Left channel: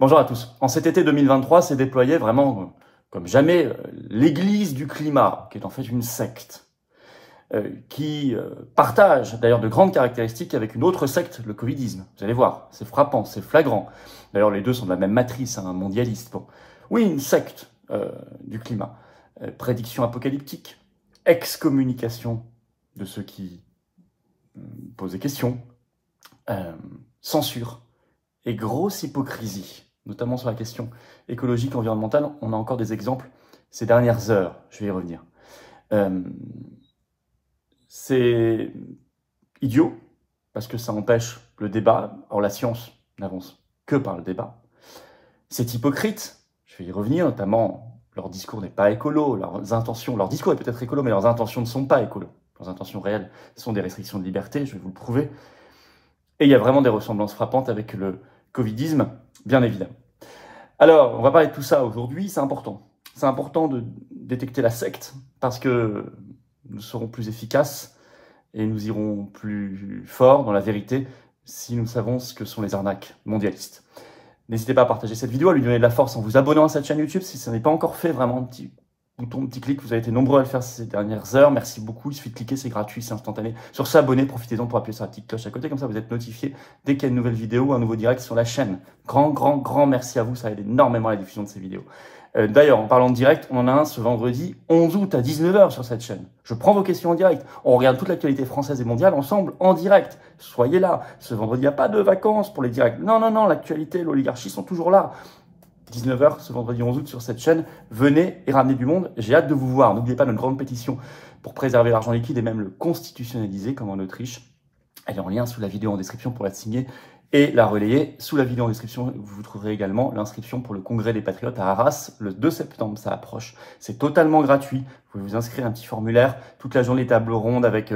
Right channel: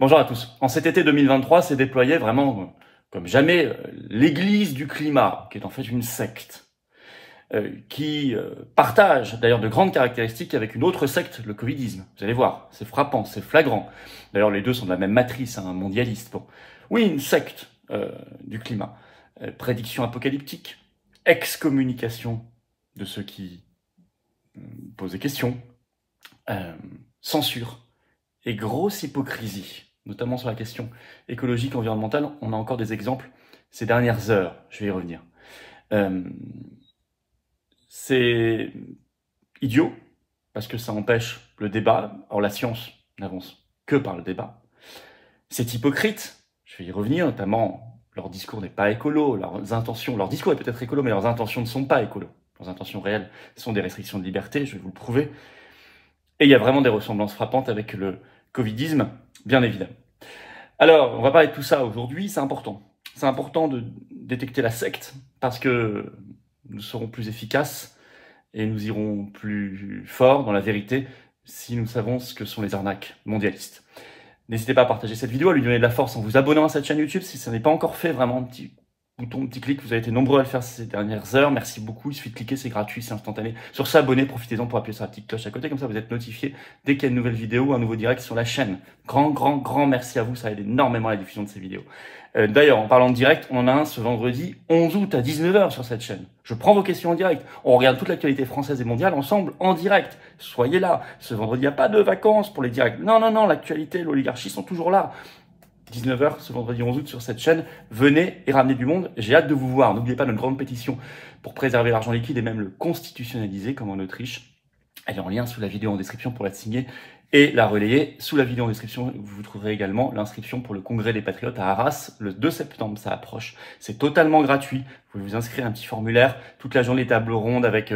Bonjour à tous. En cet été 2023, s'est déployé vraiment, comme jamais, l'Église du climat, qui est en fait une secte, qui partage d'ailleurs de grandes caractéristiques avec une autre secte, le Covidisme. Vous allez voir, c'est frappant, c'est flagrant. D'ailleurs, les deux sont de la même matrice, hein, mondialiste. Bon. Oui, une secte du climat. Prédiction apocalyptique, excommunication de ceux qui posent des questions, censure et grosse hypocrisie, notamment sur la question écologique, environnementale. On a encore des exemples ces dernières heures, je vais y revenir. C'est idiot, parce que ça empêche le débat. Or, la science n'avance que par le débat. C'est hypocrite, je vais y revenir, notamment, leur discours n'est pas écolo, leurs intentions, leur discours est peut-être écolo, mais leurs intentions ne sont pas écolo. Leurs intentions réelles sont des restrictions de liberté, je vais vous le prouver. Et il y a vraiment des ressemblances frappantes avec le covidisme, bien évidemment. Alors, on va parler de tout ça aujourd'hui, c'est important. C'est important de détecter la secte, parce que nous serons plus efficaces et nous irons plus fort dans la vérité si nous savons ce que sont les arnaques mondialistes. N'hésitez pas à partager cette vidéo, à lui donner de la force en vous abonnant à cette chaîne YouTube si ce n'est pas encore fait, vraiment un petit bouton, un petit clic, vous avez été nombreux à le faire ces dernières heures, merci beaucoup, il suffit de cliquer, c'est gratuit, c'est instantané. Sur s'abonner, profitez-en pour appuyer sur la petite cloche à côté, comme ça vous êtes notifié dès qu'il y a une nouvelle vidéo ou un nouveau direct sur la chaîne. Grand merci à vous, ça aide énormément à la diffusion de ces vidéos. D'ailleurs, en parlant de direct, on en a un ce vendredi 11 août à 19h sur cette chaîne. Je prends vos questions en direct. On regarde toute l'actualité française et mondiale ensemble, en direct. Soyez là. Ce vendredi, il n'y a pas de vacances pour les directs. Non, l'actualité, l'oligarchie sont toujours là. 19h ce vendredi 11 août sur cette chaîne. Venez et ramenez du monde. J'ai hâte de vous voir. N'oubliez pas notre grande pétition pour préserver l'argent liquide et même le constitutionnaliser comme en Autriche. Elle est en lien sous la vidéo en description pour la signer et la relayer. Sous la vidéo en description, vous trouverez également l'inscription pour le Congrès des Patriotes à Arras le 2 septembre. Ça approche. C'est totalement gratuit. Vous pouvez vous inscrire à un petit formulaire. Toute la journée, table ronde avec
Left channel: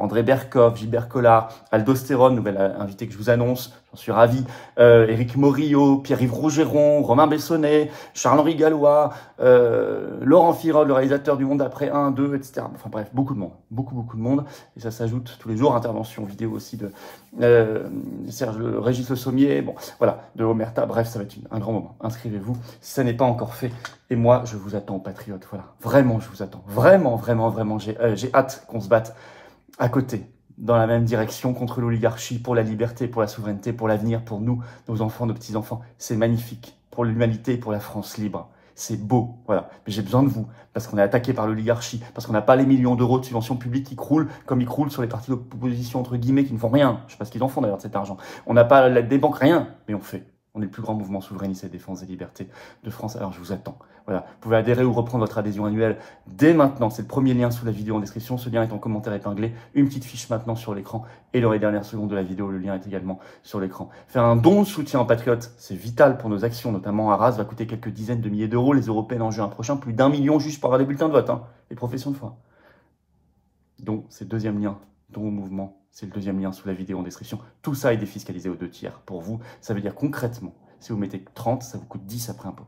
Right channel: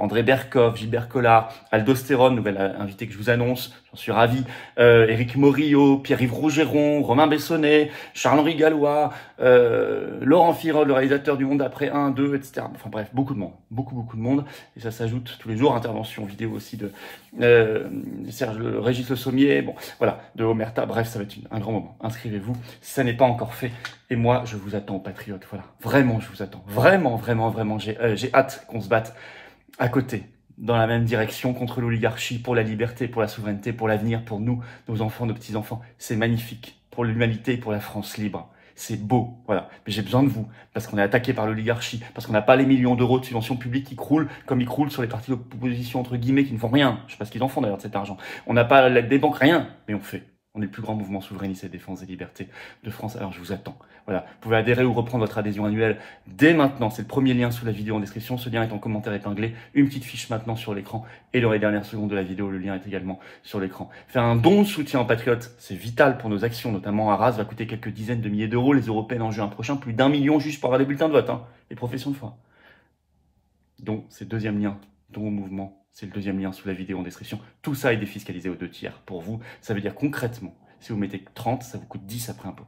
André Berkoff, Gilbert Collard, Aldostérone, nouvelle invité que je vous annonce. J'en suis ravi. Éric Morillo, Pierre-Yves Rougeron, Romain Bessonnet, Charles-Henri Gallois, Laurent Firol, le réalisateur du Monde après 1, 2, etc. Enfin bref, beaucoup de monde. Beaucoup de monde. Et ça s'ajoute tous les jours. Intervention vidéo aussi de Régis Le Sommier, bon, voilà, de Omerta. Bref, ça va être un grand moment. Inscrivez-vous si ça n'est pas encore fait. Et moi, je vous attends, patriotes. Voilà, vraiment, je vous attends. Vraiment. J'ai hâte qu'on se batte à côté, dans la même direction, contre l'oligarchie, pour la liberté, pour la souveraineté, pour l'avenir, pour nous, nos enfants, nos petits-enfants. C'est magnifique. Pour l'humanité, pour la France libre. C'est beau, voilà. Mais j'ai besoin de vous, parce qu'on est attaqué par l'oligarchie, parce qu'on n'a pas les millions d'euros de subventions publiques qui croulent, comme ils croulent sur les partis d'opposition, entre guillemets, qui ne font rien. Je sais pas ce qu'ils en font d'ailleurs de cet argent. On n'a pas l'aide des banques, rien, mais on fait. On est le plus grand mouvement souverainiste et défense des libertés de France. Alors je vous attends. Voilà. Vous pouvez adhérer ou reprendre votre adhésion annuelle dès maintenant. C'est le premier lien sous la vidéo en description. Ce lien est en commentaire épinglé. Une petite fiche maintenant sur l'écran. Et dans les dernières secondes de la vidéo, le lien est également sur l'écran. Faire un don de soutien en patriote, c'est vital pour nos actions, notamment Arras va coûter quelques dizaines de milliers d'euros. Les européennes en juin prochain, plus d'1 million juste pour avoir des bulletins de vote. Hein, et professions de foi. Donc c'est le deuxième lien. Don au mouvement. C'est le deuxième lien sous la vidéo en description. Tout ça est défiscalisé aux 2/3. Pour vous, ça veut dire concrètement, si vous mettez 30, ça vous coûte 10 après impôt.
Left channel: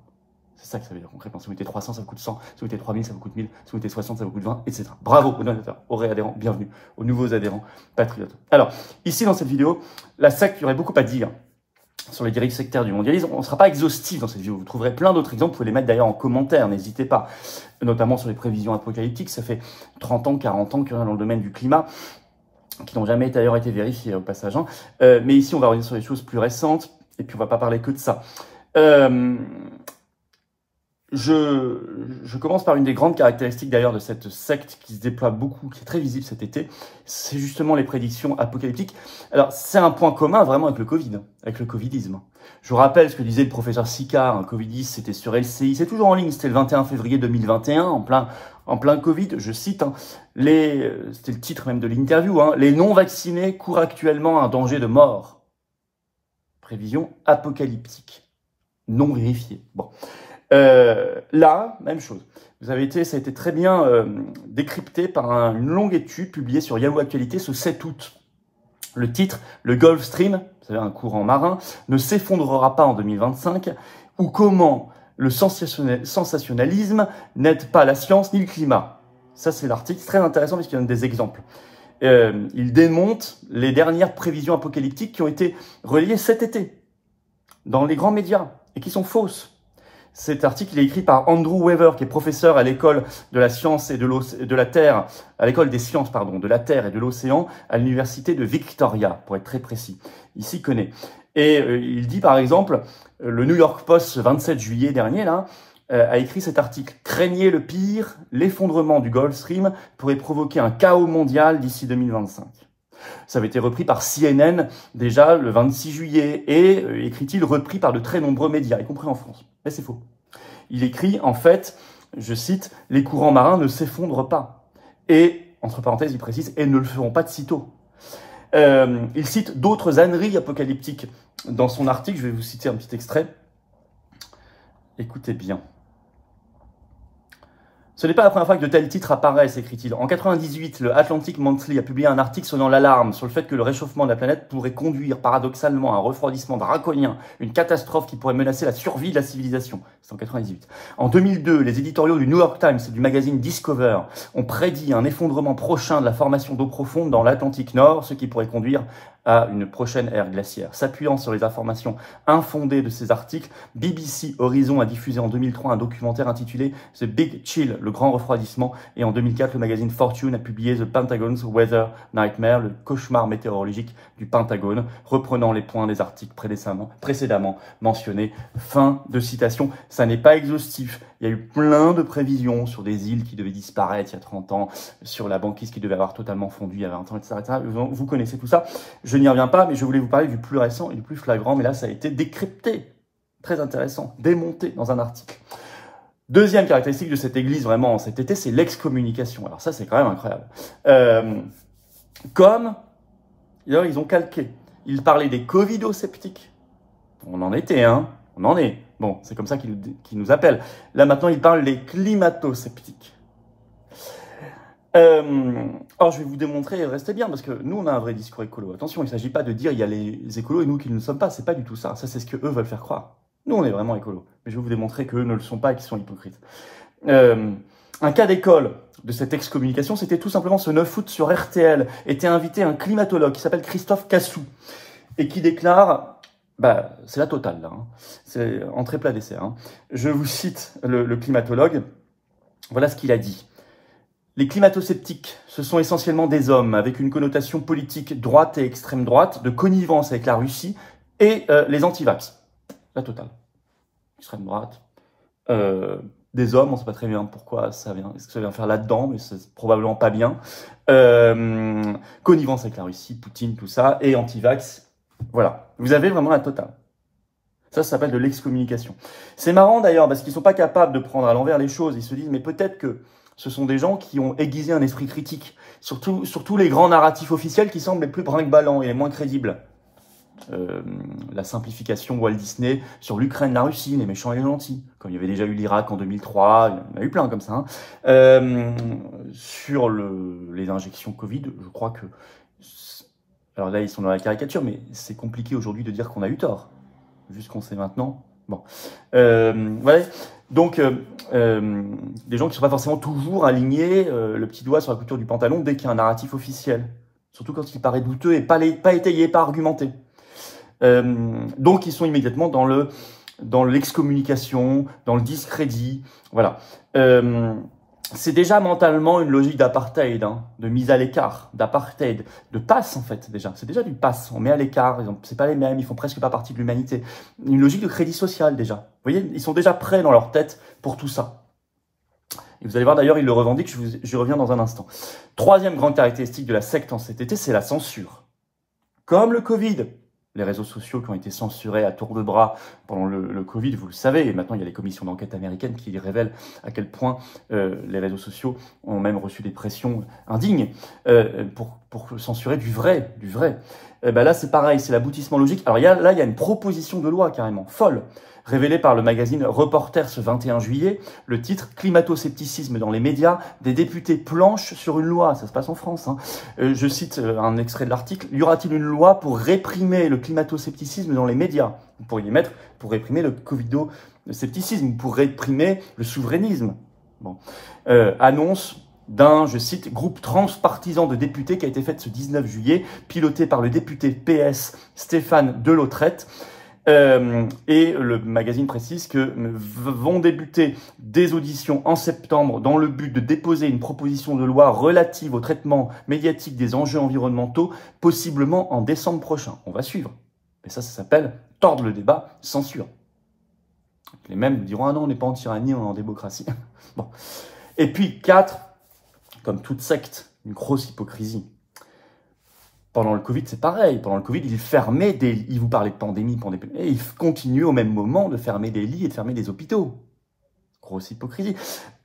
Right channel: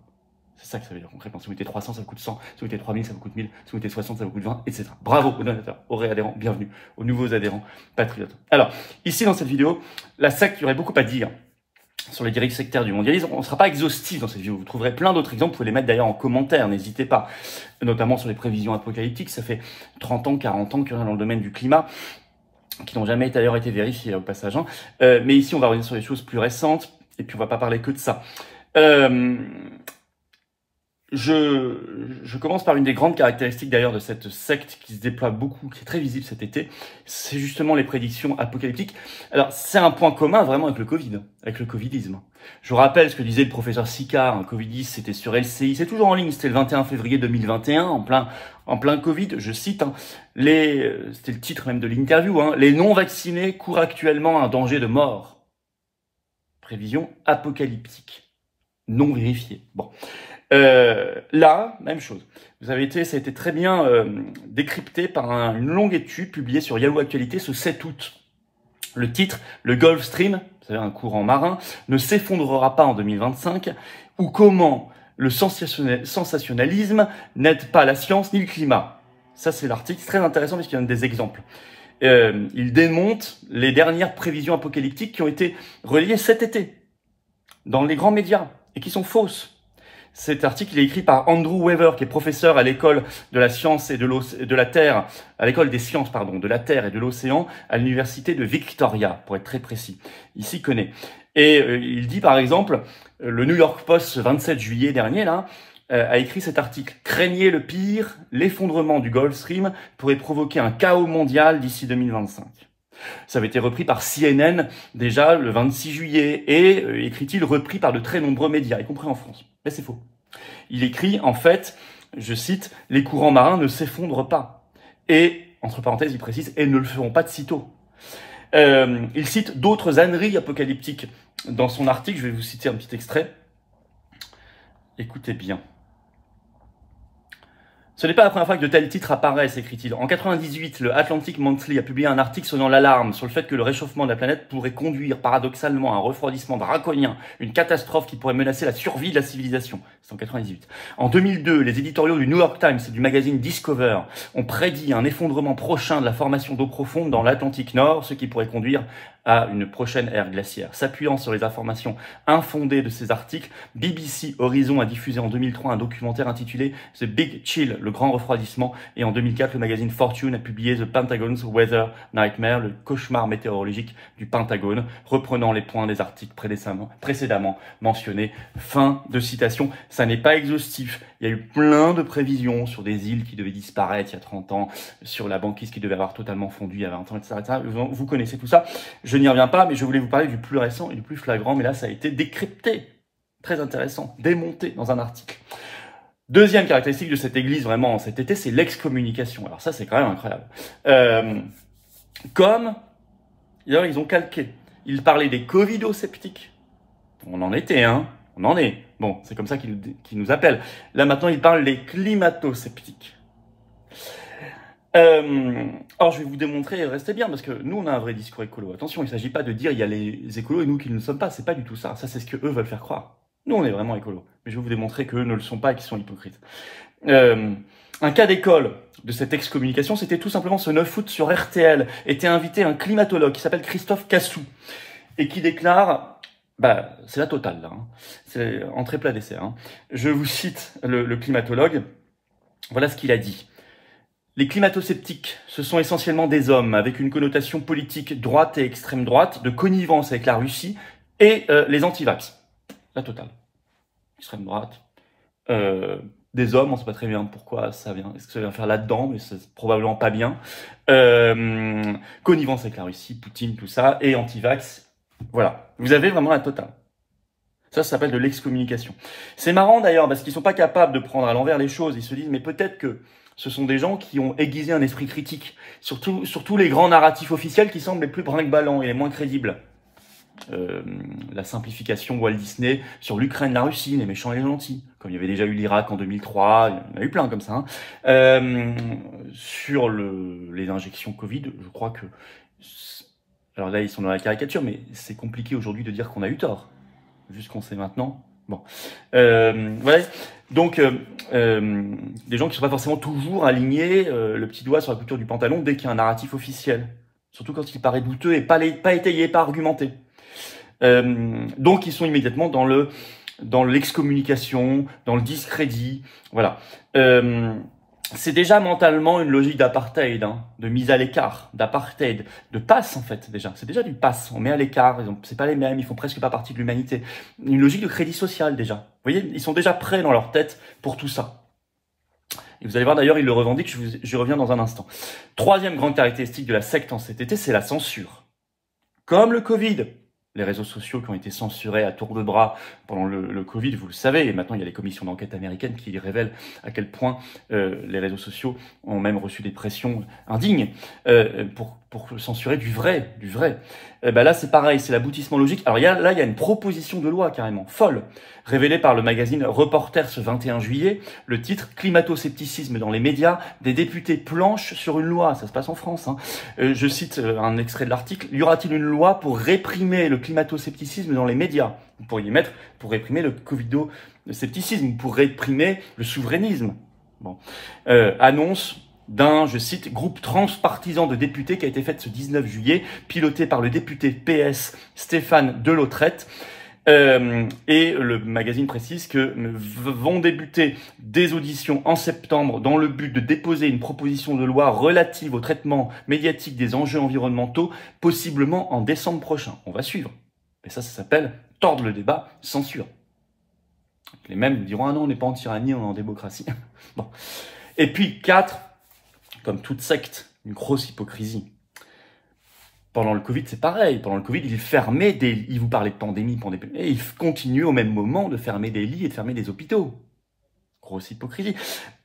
C'est ça que ça veut dire concrètement. Si vous mettez 300, ça vous coûte 100. Si vous mettez 3000, ça vous coûte 1000. Si vous mettez 60, ça vous coûte 20, etc. Bravo aux donateurs, aux réadhérents, bienvenue, aux nouveaux adhérents patriotes. Alors, ici dans cette vidéo, la secte, il y aurait beaucoup à dire sur les dérives sectaires du mondialisme. On ne sera pas exhaustif dans cette vidéo. Vous trouverez plein d'autres exemples. Vous pouvez les mettre d'ailleurs en commentaire. N'hésitez pas. Notamment sur les prévisions apocalyptiques. Ça fait 30 ans, 40 ans qu'il y en a dans le domaine du climat, qui n'ont jamais d'ailleurs été vérifiés au passage. Hein. Mais ici, on va revenir sur les choses plus récentes. Et puis, on ne va pas parler que de ça. Je commence par une des grandes caractéristiques d'ailleurs de cette secte qui se déploie beaucoup, qui est très visible cet été, c'est justement les prédictions apocalyptiques. Alors c'est un point commun vraiment avec le Covid, avec le Covidisme. Je vous rappelle ce que disait le professeur Sicard, un Covidiste, c'était sur LCI, c'est toujours en ligne, c'était le 21 février 2021, en plein Covid, je cite, hein, c'était le titre même de l'interview, hein, les non-vaccinés courent actuellement un danger de mort. Prévision apocalyptique, non vérifiée. Bon. Là, même chose. Ça a été très bien décrypté par une longue étude publiée sur Yahoo Actualité ce 7 août. Le titre, le Gulf Stream, c'est-à-dire un courant marin, ne s'effondrera pas en 2025, ou comment le sensationnalisme n'aide pas la science ni le climat. Ça, c'est l'article, c'est très intéressant parce qu'il donne des exemples. Il démonte les dernières prévisions apocalyptiques qui ont été relayées cet été dans les grands médias. et qui sont fausses. Cet article il est écrit par Andrew Weaver, qui est professeur à l'école de la science et de la Terre, à l'école des sciences, pardon, de la Terre et de l'océan, à l'université de Victoria, pour être très précis. Il s'y connaît. Et il dit par exemple, le New York Post, ce 27 juillet dernier, là, a écrit cet article. Craignez le pire, l'effondrement du Gulf Stream pourrait provoquer un chaos mondial d'ici 2025. Ça avait été repris par CNN déjà le 26 juillet et, écrit-il, repris par de très nombreux médias, y compris en France. Mais c'est faux. Il écrit, en fait, je cite, « Les courants marins ne s'effondrent pas. » Et, entre parenthèses, il précise, « et ne le feront pas de sitôt. » Il cite d'autres âneries apocalyptiques dans son article. Je vais vous citer un petit extrait. Écoutez bien. Ce n'est pas la première fois que de tels titres apparaissent, écrit-il. En 1998, le Atlantic Monthly a publié un article sonnant l'alarme sur le fait que le réchauffement de la planète pourrait conduire paradoxalement à un refroidissement draconien, une catastrophe qui pourrait menacer la survie de la civilisation. C'est en 1998. En 2002, les éditoriaux du New York Times et du magazine Discover ont prédit un effondrement prochain de la formation d'eau profonde dans l'Atlantique Nord, ce qui pourrait conduire à une prochaine ère glaciaire. S'appuyant sur les informations infondées de ces articles, BBC Horizon a diffusé en 2003 un documentaire intitulé The Big Chill, le grand refroidissement, et en 2004, le magazine Fortune a publié The Pentagon's Weather Nightmare, le cauchemar météorologique du Pentagone, reprenant les points des articles précédemment mentionnés. Fin de citation. Ça n'est pas exhaustif. Il y a eu plein de prévisions sur des îles qui devaient disparaître il y a 30 ans, sur la banquise qui devait avoir totalement fondu il y a 20 ans, etc. Vous connaissez tout ça. Je n'y reviens pas, mais je voulais vous parler du plus récent et du plus flagrant, mais là, ça a été décrypté. Très intéressant, démonté dans un article. Deuxième caractéristique de cette église, vraiment, cet été, c'est l'excommunication. Alors ça, c'est quand même incroyable. D'ailleurs, ils ont calqué. Ils parlaient des covido-sceptiques. On en était, hein. On en est. Bon, c'est comme ça qu'ils nous appellent. Là, maintenant, ils parlent des climato-sceptiques. Alors, je vais vous démontrer, restez bien, parce que nous, on a un vrai discours écolo. Attention, il ne s'agit pas de dire il y a les écolos et nous qui ne le sommes pas. C'est pas du tout ça. Ça, c'est ce que eux veulent faire croire. Nous, on est vraiment écolos. Mais je vais vous démontrer qu'eux ne le sont pas et qu'ils sont hypocrites. Un cas d'école de cette excommunication, c'était tout simplement ce 9 août sur RTL. Était invité un climatologue qui s'appelle Christophe Cassou et qui déclare... Bah, c'est la totale, là. Hein. C'est entrée plat dessert. Hein. Je vous cite le climatologue. Voilà ce qu'il a dit. Les climato-sceptiques, ce sont essentiellement des hommes avec une connotation politique droite et extrême droite, de connivence avec la Russie et les antivax. La totale. Extrême droite. Des hommes, on ne sait pas très bien pourquoi ça vient. Est-ce que ça vient faire là-dedans, mais c'est probablement pas bien. Connivence avec la Russie, Poutine, tout ça, et antivax. Voilà. Vous avez vraiment la totale. Ça s'appelle de l'excommunication. C'est marrant d'ailleurs, parce qu'ils ne sont pas capables de prendre à l'envers les choses. Ils se disent, mais peut-être que ce sont des gens qui ont aiguisé un esprit critique. Surtout les grands narratifs officiels qui semblent les plus brinque-ballants et les moins crédibles. La simplification Walt Disney sur l'Ukraine, la Russie, les méchants et les gentils. Comme il y avait déjà eu l'Irak en 2003, il y en a eu plein comme ça. Hein. Sur les injections Covid, je crois que... Alors là, ils sont dans la caricature, mais c'est compliqué aujourd'hui de dire qu'on a eu tort. Vu ce qu'on sait maintenant. Bon. Voilà. Donc, des gens qui ne sont pas forcément toujours alignés, le petit doigt sur la couture du pantalon dès qu'il y a un narratif officiel. Surtout quand il paraît douteux et pas étayé, pas argumenté. Donc, ils sont immédiatement dans l'excommunication, dans le discrédit. Voilà. C'est déjà mentalement une logique d'apartheid, hein, de mise à l'écart, d'apartheid, de passe en fait déjà. C'est déjà du passe, on met à l'écart, c'est pas les mêmes, ils font presque pas partie de l'humanité. Une logique de crédit social déjà. Vous voyez, ils sont déjà prêts dans leur tête pour tout ça. Et vous allez voir d'ailleurs, ils le revendiquent, j'y reviens dans un instant. Troisième grande caractéristique de la secte en cet été, c'est la censure. Comme le Covid. Les réseaux sociaux qui ont été censurés à tour de bras pendant le Covid, vous le savez, et maintenant il y a les commissions d'enquête américaines qui révèlent à quel point les réseaux sociaux ont même reçu des pressions indignes pour censurer du vrai. Là c'est pareil, c'est l'aboutissement logique. Alors il y a une proposition de loi carrément folle, révélée par le magazine Reporter ce 21 juillet, le titre « Climato-scepticisme dans les médias, des députés planchent sur une loi ». Ça se passe en France. Hein. Je cite un extrait de l'article. « Y aura-t-il une loi pour réprimer le climato-scepticisme dans les médias ?» Vous pourriez mettre « pour réprimer le covido-scepticisme » ou « pour réprimer le souverainisme ». Bon. Annonce d'un, je cite, groupe transpartisan de députés qui a été faite ce 19 juillet, piloté par le député PS Stéphane Delautrette. Et le magazine précise que vont débuter des auditions en septembre dans le but de déposer une proposition de loi relative au traitement médiatique des enjeux environnementaux, possiblement en décembre prochain. On va suivre. Et ça s'appelle tordre le débat, censure. Les mêmes diront « Ah non, on n'est pas en tyrannie, on est en démocratie. » Bon. Et puis, 4, comme toute secte, une grosse hypocrisie. Pendant le Covid, c'est pareil. Pendant le Covid, ils vous parlaient de pandémie, et ils continuent au même moment de fermer des lits et de fermer des hôpitaux. Grosse hypocrisie.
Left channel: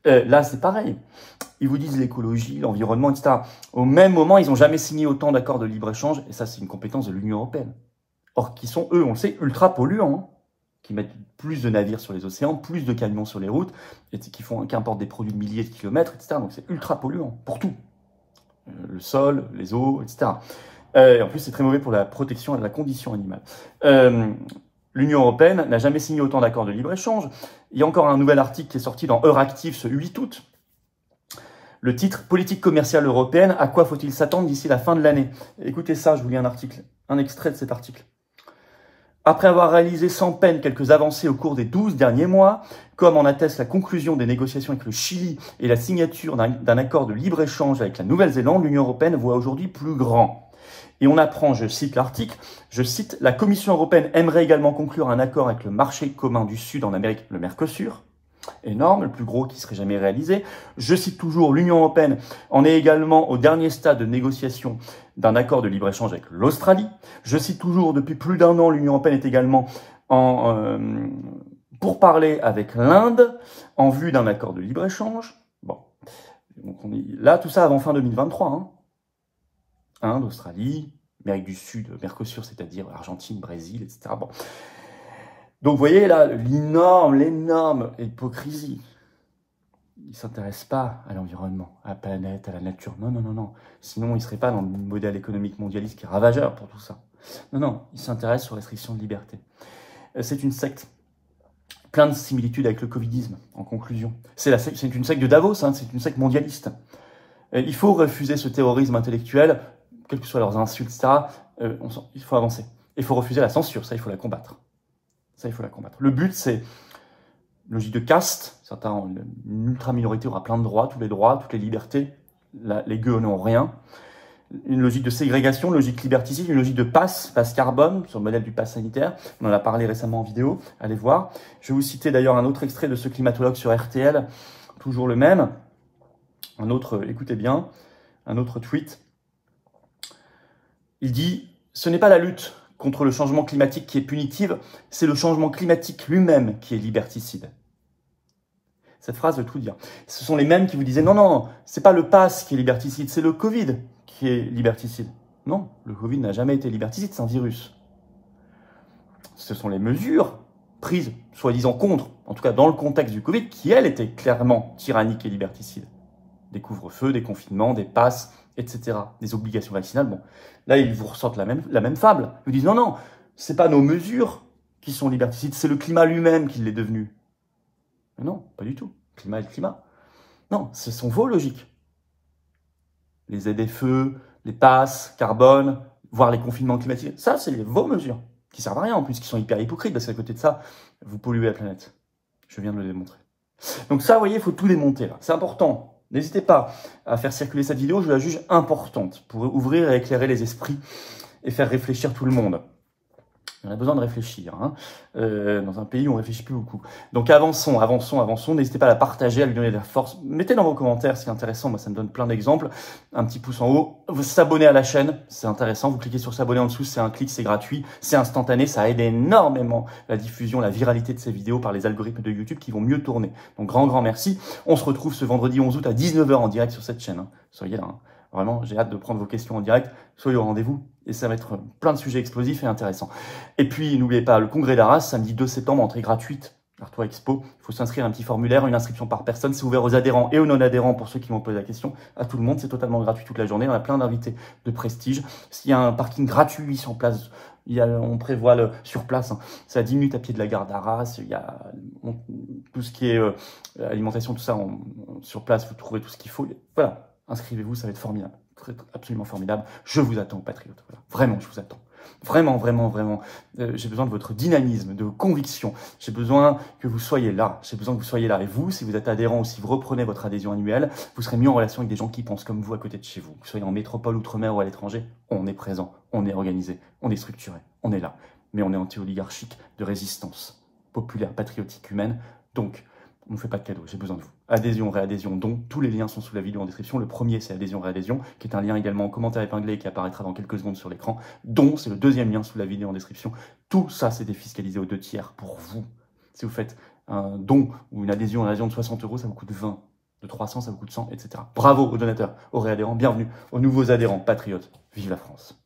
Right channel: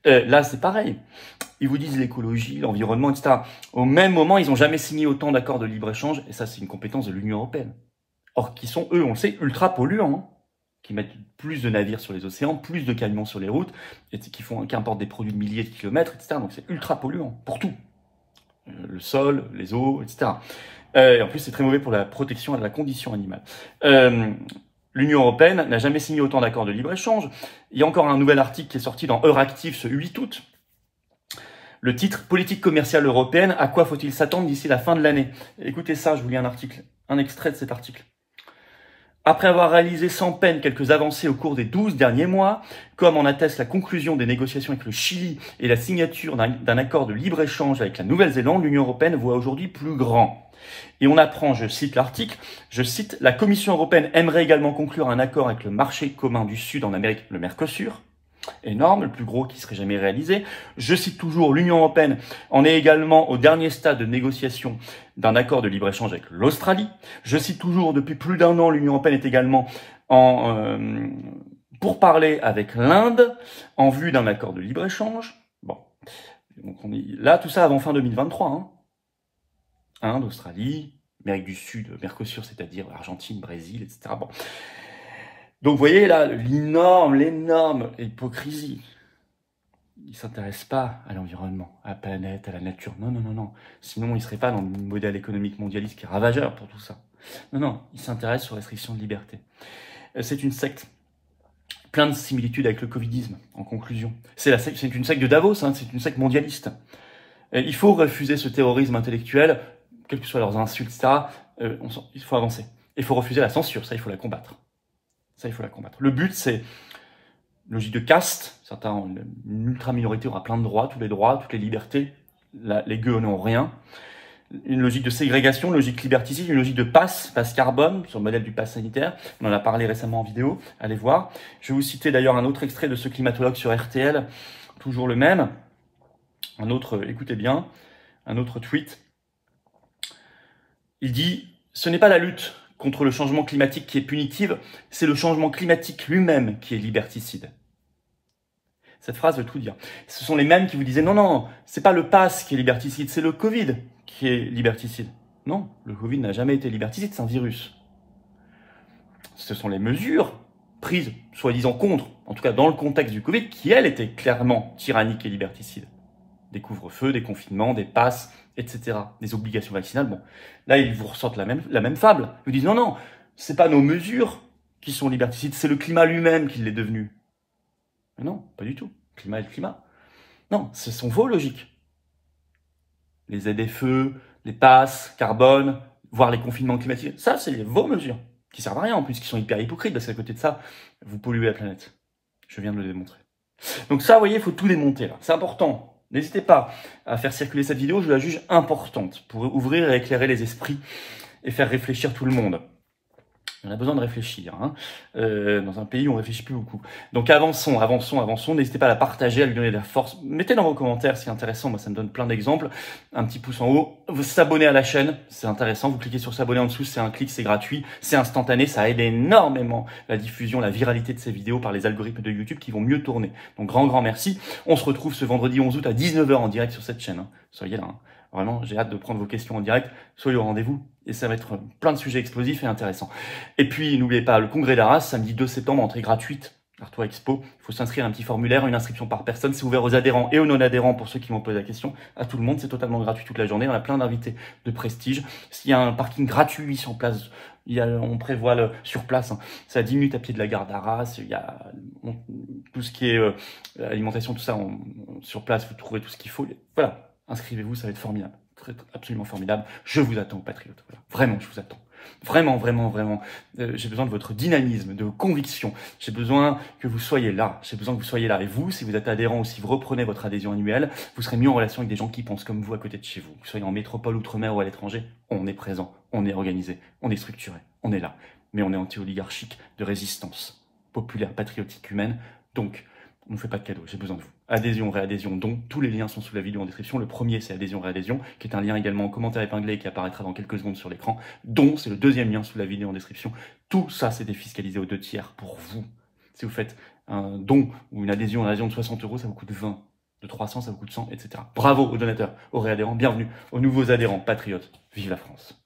Là, c'est pareil. Ils vous disent l'écologie, l'environnement, etc. Au même moment, ils n'ont jamais signé autant d'accords de libre-échange, et ça, c'est une compétence de l'Union européenne. Or, qui sont, eux, on le sait, ultra polluants, qui mettent plus de navires sur les océans, plus de camions sur les routes, et qui importent des produits de milliers de kilomètres, etc. Donc, c'est ultra polluant, pour tout. Le sol, les eaux, etc. Et en plus, c'est très mauvais pour la protection de la condition animale. L'Union européenne n'a jamais signé autant d'accords de libre-échange. Il y a encore un nouvel article qui est sorti dans Euractiv ce 8 août. Le titre « Politique commerciale européenne, à quoi faut-il s'attendre d'ici la fin de l'année ?» Écoutez ça, je vous lis un extrait de cet article. Après avoir réalisé sans peine quelques avancées au cours des 12 derniers mois, comme en atteste la conclusion des négociations avec le Chili et la signature d'un accord de libre-échange avec la Nouvelle-Zélande, l'Union européenne voit aujourd'hui plus grand. Et on apprend, je cite l'article, je cite, « La Commission européenne aimerait également conclure un accord avec le marché commun du Sud en Amérique, le Mercosur. » Énorme, le plus gros qui serait jamais réalisé. Je cite toujours, l'Union européenne en est également au dernier stade de négociation d'un accord de libre-échange avec l'Australie. Je cite toujours, depuis plus d'1 an, l'Union européenne est également pour parler avec l'Inde en vue d'un accord de libre-échange. Bon, donc là, tout ça avant fin 2023. Hein. Inde, Australie, Amérique du Sud, Mercosur, c'est-à-dire Argentine, Brésil, etc. Bon. Donc, vous voyez là, l'énorme hypocrisie. Ils ne s'intéressent pas à l'environnement, à la planète, à la nature. Non, non, non, non. Sinon, ils ne seraient pas dans le modèle économique mondialiste qui est ravageur pour tout ça. Non, non, ils s'intéressent aux restrictions de liberté. C'est une secte. Plein de similitudes avec le covidisme, en conclusion. C'est une secte de Davos, hein, c'est une secte mondialiste. Il faut refuser ce terrorisme intellectuel, quelles que soient leurs insultes, etc. Il faut avancer. Il faut refuser la censure, ça, il faut la combattre. Ça, il faut la combattre. Le but, c'est une logique de caste. Une ultra-minorité aura plein de droits, tous les libertés. Les gueux n'ont rien. Une logique de ségrégation, une logique liberticide, une logique de passe carbone, sur le modèle du pass sanitaire. On en a parlé récemment en vidéo, allez voir. Je vais vous citer d'ailleurs un autre extrait de ce climatologue sur RTL, toujours le même. Un autre, écoutez bien, un autre tweet. Il dit « Ce n'est pas la lutte contre le changement climatique qui est punitive, c'est le changement climatique lui-même qui est liberticide. » Cette phrase veut tout dire. Ce sont les mêmes qui vous disaient « Non, non, c'est pas le pass qui est liberticide, c'est le Covid qui est liberticide. » Non, le Covid n'a jamais été liberticide, c'est un virus. Ce sont les mesures prises, soi-disant contre, en tout cas dans le contexte du Covid, qui, elles, étaient clairement tyranniques et liberticides. Des couvre-feux, des confinements, des passes, etc. Des obligations vaccinales. Bon, là, ils vous ressortent la même fable. Ils vous disent, non, non, c'est pas nos mesures qui sont liberticides, c'est le climat lui-même qui l'est devenu. Mais non, pas du tout. Le climat est le climat. Non, ce sont vos logiques. Les ZFE, les passes, carbone, voire les confinements climatiques, ça, c'est vos mesures, qui servent à rien en plus, qui sont hyper hypocrites, parce qu'à côté de ça, vous polluez la planète. Je viens de le démontrer. Donc ça, vous voyez, il faut tout démonter là. C'est important. N'hésitez pas à faire circuler cette vidéo, je la juge importante pour ouvrir et éclairer les esprits et faire réfléchir tout le monde. On a besoin de réfléchir. Hein. Dans un pays où on ne réfléchit plus beaucoup. Donc avançons, avançons, avançons. N'hésitez pas à la partager, à lui donner de la force. Mettez dans vos commentaires, c'est intéressant. Moi, ça me donne plein d'exemples. Un petit pouce en haut. Vous s'abonner à la chaîne, c'est intéressant. Vous cliquez sur s'abonner en dessous, c'est un clic, c'est gratuit. C'est instantané. Ça aide énormément la diffusion, la viralité de ces vidéos par les algorithmes de YouTube qui vont mieux tourner. Donc grand merci. On se retrouve ce vendredi 11 août à 19 h en direct sur cette chaîne. Hein. Soyez là. Hein. Vraiment, j'ai hâte de prendre vos questions en direct. Soyez au rendez-vous et ça va être plein de sujets explosifs et intéressants. Et puis, n'oubliez pas, le congrès d'Arras, samedi 2 septembre, entrée gratuite, Artois Expo. Il faut s'inscrire à un petit formulaire, une inscription par personne. C'est ouvert aux adhérents et aux non-adhérents pour ceux qui m'ont posé la question. À tout le monde, c'est totalement gratuit toute la journée. On a plein d'invités de prestige. S'il y a un parking gratuit sur place, on prévoit sur place. Hein. C'est à 10 minutes à pied de la gare d'Arras. Il y a tout ce qui est alimentation, tout ça. Sur place, vous trouverez tout ce qu'il faut. Voilà. Inscrivez-vous, ça va être formidable. Absolument formidable. Je vous attends, patriotes. Voilà. Vraiment, je vous attends. Vraiment, vraiment, vraiment. J'ai besoin de votre dynamisme, de vos convictions. J'ai besoin que vous soyez là. J'ai besoin que vous soyez là. Et vous, si vous êtes adhérent ou si vous reprenez votre adhésion annuelle, vous serez mis en relation avec des gens qui pensent comme vous à côté de chez vous. Que vous soyez en métropole, outre-mer ou à l'étranger, on est présent, on est organisé, on est structuré, on est là. Mais on est anti-oligarchique de résistance populaire, patriotique, humaine. Donc, on ne fait pas de cadeaux, j'ai besoin de vous. Adhésion, réadhésion, don, tous les liens sont sous la vidéo en description. Le premier, c'est adhésion, réadhésion, qui est un lien également en commentaire épinglé et qui apparaîtra dans quelques secondes sur l'écran. Don, c'est le deuxième lien sous la vidéo en description. Tout ça, c'est défiscalisé aux 2/3 pour vous. Si vous faites un don ou une adhésion de 60 €, ça vous coûte 20. De 300, ça vous coûte 100, etc. Bravo aux donateurs, aux réadhérents, bienvenue aux nouveaux adhérents, patriotes. Vive la France!